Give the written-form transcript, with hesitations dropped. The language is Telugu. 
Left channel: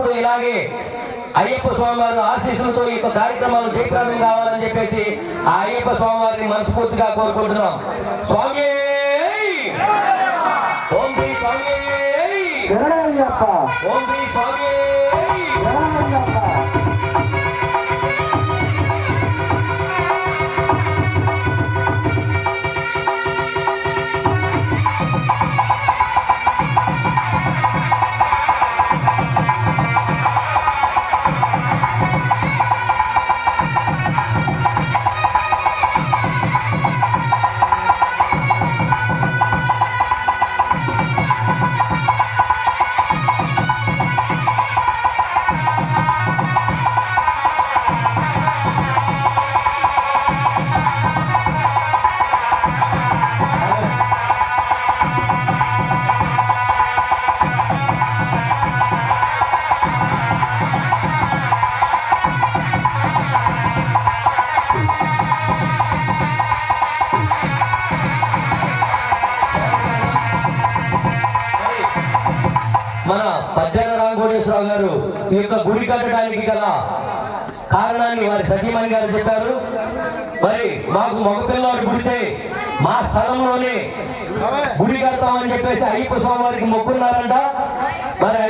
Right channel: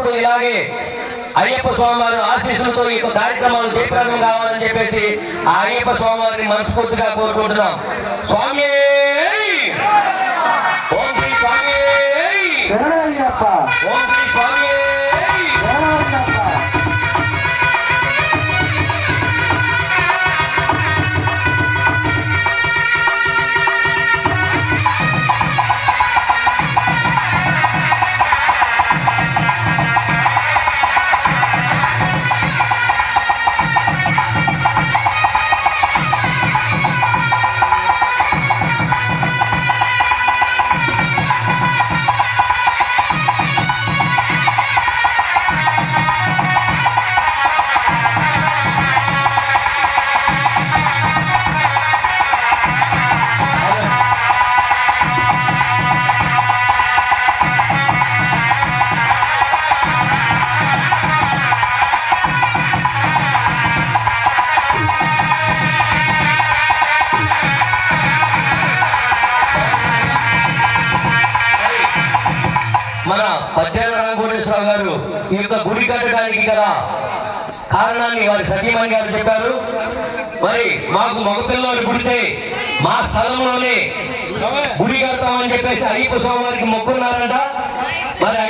ఎల్లప్పుడూ ఇలాగే అయ్యప్ప స్వామి వారి ఆశీస్సులతో ఈ కార్యక్రమాలు జయప్రదం కావాలని చెప్పేసి ఆ అయ్యప్ప స్వామి వారిని మనస్ఫూర్తిగా కోరుకుంటున్నాం. స్వామి ఓం శ్రీ స్వామి ఓం శ్రీ స్వామి. మన పద్యాల రాఘవేశ్వరరావు గారు ఈ యొక్క గుడి కట్టడానికి గల కారణాన్ని వారి సతీమణి గారు చెప్పారు. మరి మాకు మగపిల్లవాడు పుడితే మా స్థలంలోనే గుడి కడతామని చెప్పేసి అయ్యప్ప స్వామి వారికి మొక్కున్నారంట. మరి